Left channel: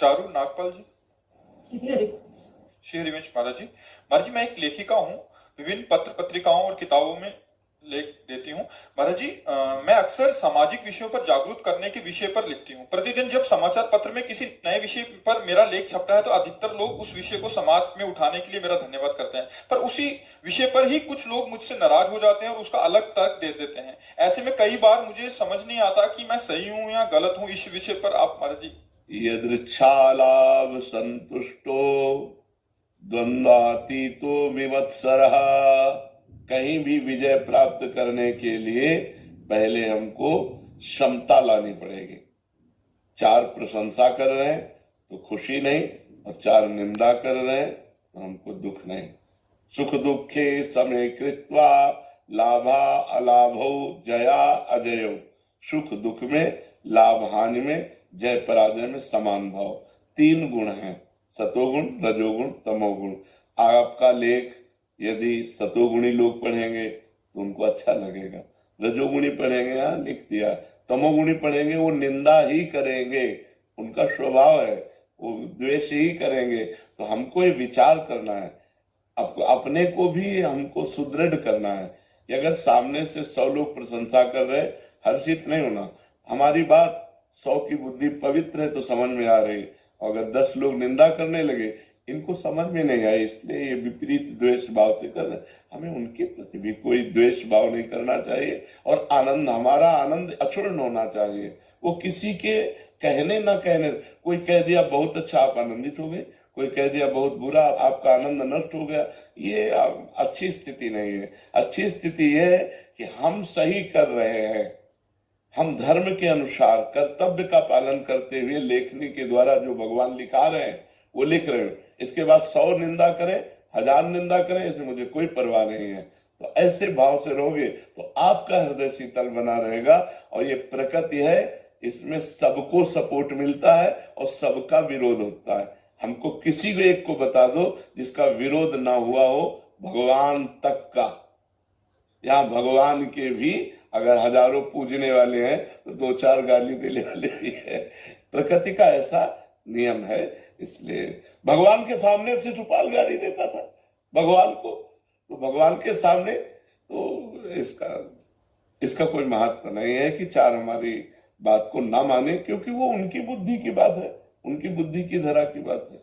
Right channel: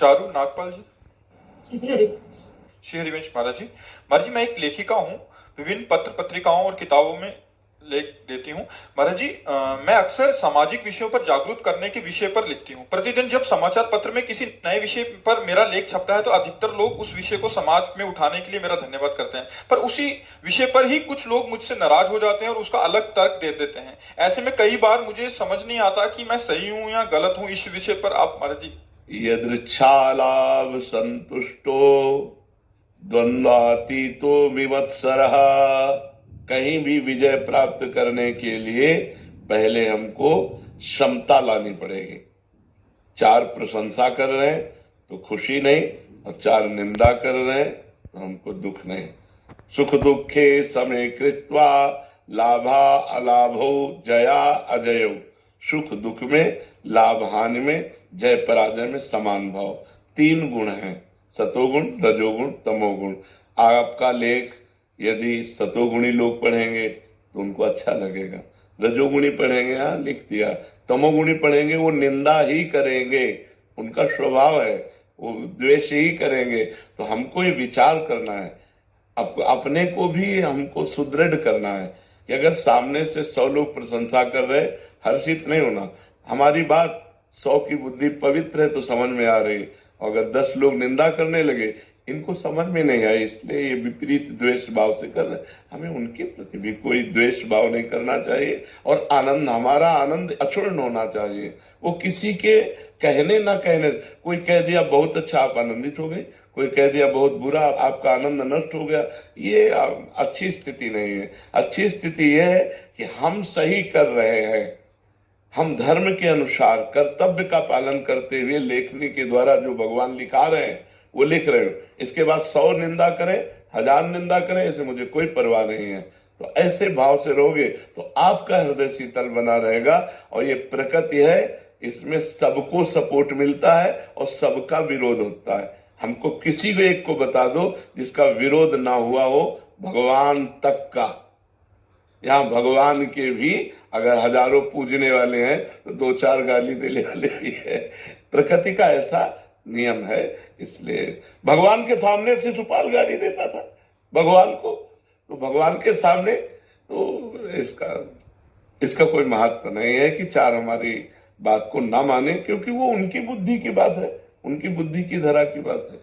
चारू नागपाल जी। श्री श्री हरिवंश महाराज जी। महाराज जी, मैं एक लेखिका हूँ, विभिन्न पत्र पत्रिकाओं और किताबों में लेख देती हूँ। महाराज जी, मैं अक्सर सामाजिक विषयों पर जागरूक करने के विषय पर लिखती हूँ। प्रतिदिन जब समाचार पत्र में किसी नए विषय पर मेरा लेख छपता है तो अधिकतर लोग उस विषय को समाज में उठाने के लिए मेरा धन्यवाद करते हैं, पर उसी विषय पर ही कुछ लोग मुझसे नाराज हो जाते हैं और उसका अलग तर्क दे देते हैं। ऐसे में कई बार मुझे समझ नहीं आता कि मैं सही हूँ या गलत हूँ। इस विषय पर आप महाराज जी। यदृच्छालाभ संतुष्टो द्वंद्वातीतो विवत्सरः। कहीं भी विजय प्राप्त करने के लिए पहले हमको क्षमता लानी पड़ेगी। चार प्रशंसा कर रहे हैं तो खुशी नहीं, और चार निंदा कर रहे हैं तो हमको दुख नहीं। सुख दुखे समय कृत्वा लाभा अलाभो जया अजयो। सुख दुख में, लाभ हानि में, जय पराजय में समान भाव। तीन गुण हैं, सतोगुण, रजोगुण, तमोगुण। आपका लेख यदि सतोगुणी लोग पढ़ेंगे तो उनको अच्छा लगेगा, रजोगुणी पढ़ेंगे हाँ लिख दिया, तमोगुणी पढ़ेंगे वो निंदा ही करेंगे, उनका स्वभाव है, वो द्वेष ही करेंगे। तो हमको ये विचार करना है, अपने को भी हमको सुदृढ़ करना है कि अगर सामने से 100 लोग प्रशंसा कर रहे, हर्षित नहीं होना। हमारी बात 100 की बुद्धि पवित्र है तो समझ में आ रही, और अगर 10 लोग निंदा करने लगे, इनको समझ में नहीं आई, इसलिए ये विपरीत द्वेष भाव से कर रहे हैं। हमें उनके प्रति भी कोई द्वेष भाव नहीं करना चाहिए, और आनंद, हमारा आनंद अक्षुण्ण होना चाहिए। वो किसी के कहने ना कहने, कोई कह दिया बहुत अच्छा आप आनंदित हो गए, कोई कह दिया बहुत बुरा आपका आनंद नष्ट हो गया, ये अच्छी स्थिति नहीं है। अच्छी स्थिति यह है कि हम सही कर रहे हैं, हम धर्म के अनुसार कर्तव्य का पालन करते हुए लेखनी के द्वारा जो भगवान लिखा रहे हैं वो लिख रहे हैं। इसके बाद 100 निंदा करें, 1000 निंदा करें, इससे मुझे कोई परवाह नहीं है। तो ऐसे भाव से रहोगे तो आपका हृदय शीतल बना रहेगा। और ये प्रकृति है, इसमें सबको सपोर्ट मिलता है और सबका विरोध होता है। हमको किसी भी एक को बता दो जिसका विरोध ना हुआ हो, भगवान तक का। यहाँ भगवान के भी अगर हजारों पूजने वाले हैं तो 2-4 गाली देने वाले भी है। प्रकृति का ऐसा नियम है। इसलिए भगवान के सामने शिशुपाल गाली देता था भगवान को, तो भगवान के सामने तो इसका कोई महत्व नहीं है कि 4 हमारी बात को ना माने, क्योंकि वो उनकी बुद्धि की बात है, उनकी बुद्धि की धरा की बात है।